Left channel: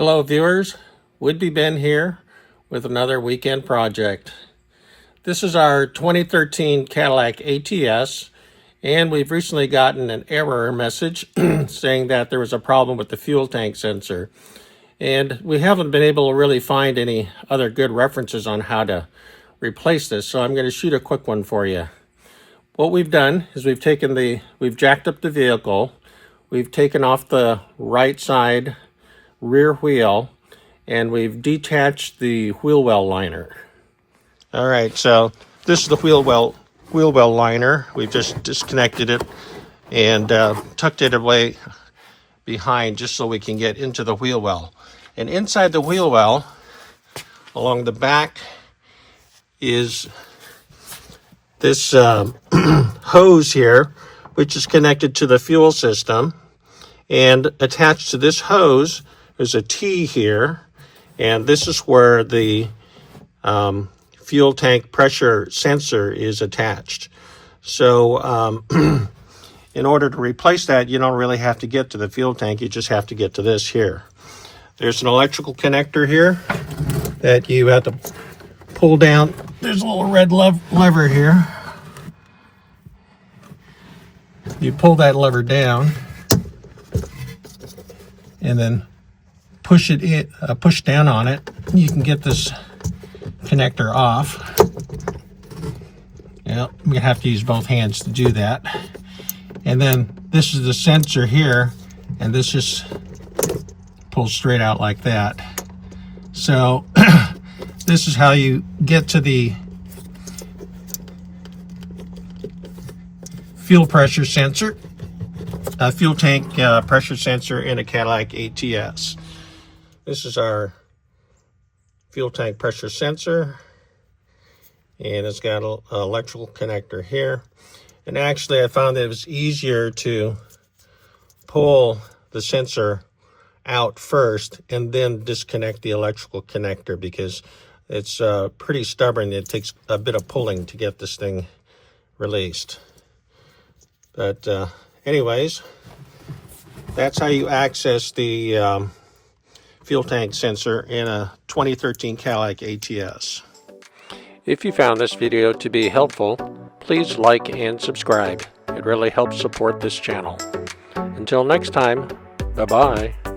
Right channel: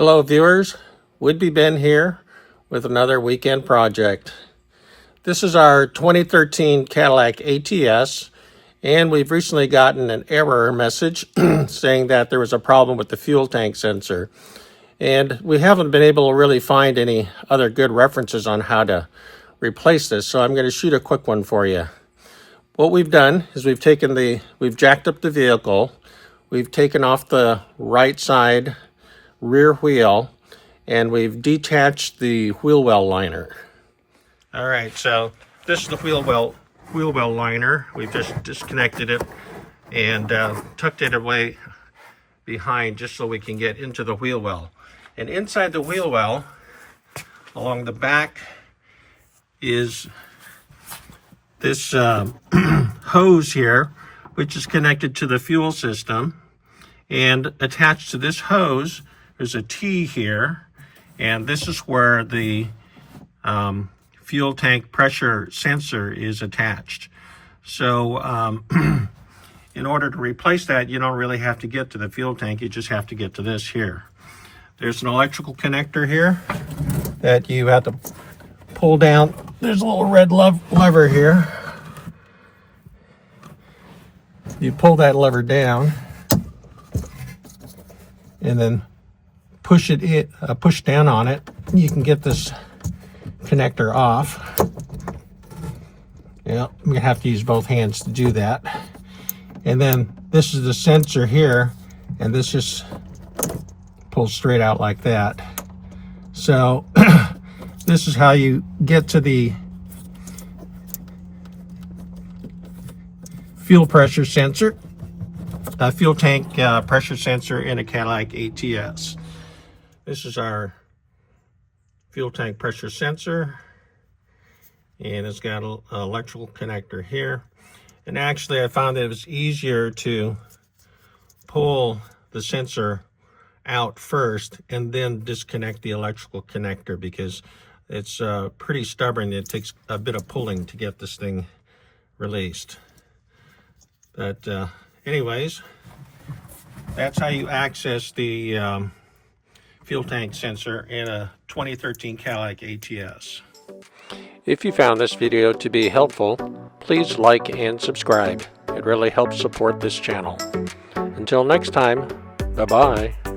Hello viewers, Would-Be Ben here with another weekend project. This is our 2013 Cadillac ATS, and we've recently gotten an error message saying that there was a problem with the fuel tank sensor. And we haven't been able to really find any other good references on how to replace this, so I'm going to shoot a quick one for you. What we've done is we've jacked up the vehicle, we've taken off the right side rear wheel, and we've detached the wheel well liner. All right, so this is the wheel well liner. We've just disconnected it and tucked it away behind just so we can get into the wheel well. And inside the wheel well, along the back, is this hose here, which is connected to the fuel system. And attached to this hose, there's a T here, and this is where the fuel tank pressure sensor is attached. So in order to replace that, you don't really have to get to the fuel tank, you just have to get to this here. There's an electrical connector here that you have to pull down. There's a little red lever here. You pull that lever down and then push down on it. You can get this connector off. Yeah, I'm gonna have to use both hands to do that. And then this is the sensor here, and this just pulls straight out like that. So this is how you get to the fuel pressure sensor, fuel tank pressure sensor in a Cadillac ATS. This is our fuel tank pressure sensor, and it's got an electrical connector here. And actually I found that it was easier to pull the sensor out first and then disconnect the electrical connector, because it's pretty stubborn. It takes a bit of pulling to get this thing released. But anyways, that's how you access the fuel tank sensor in a 2013 Cadillac ATS. If you found this video to be helpful, please like and subscribe. It really helps support this channel. Until next time, bye-bye.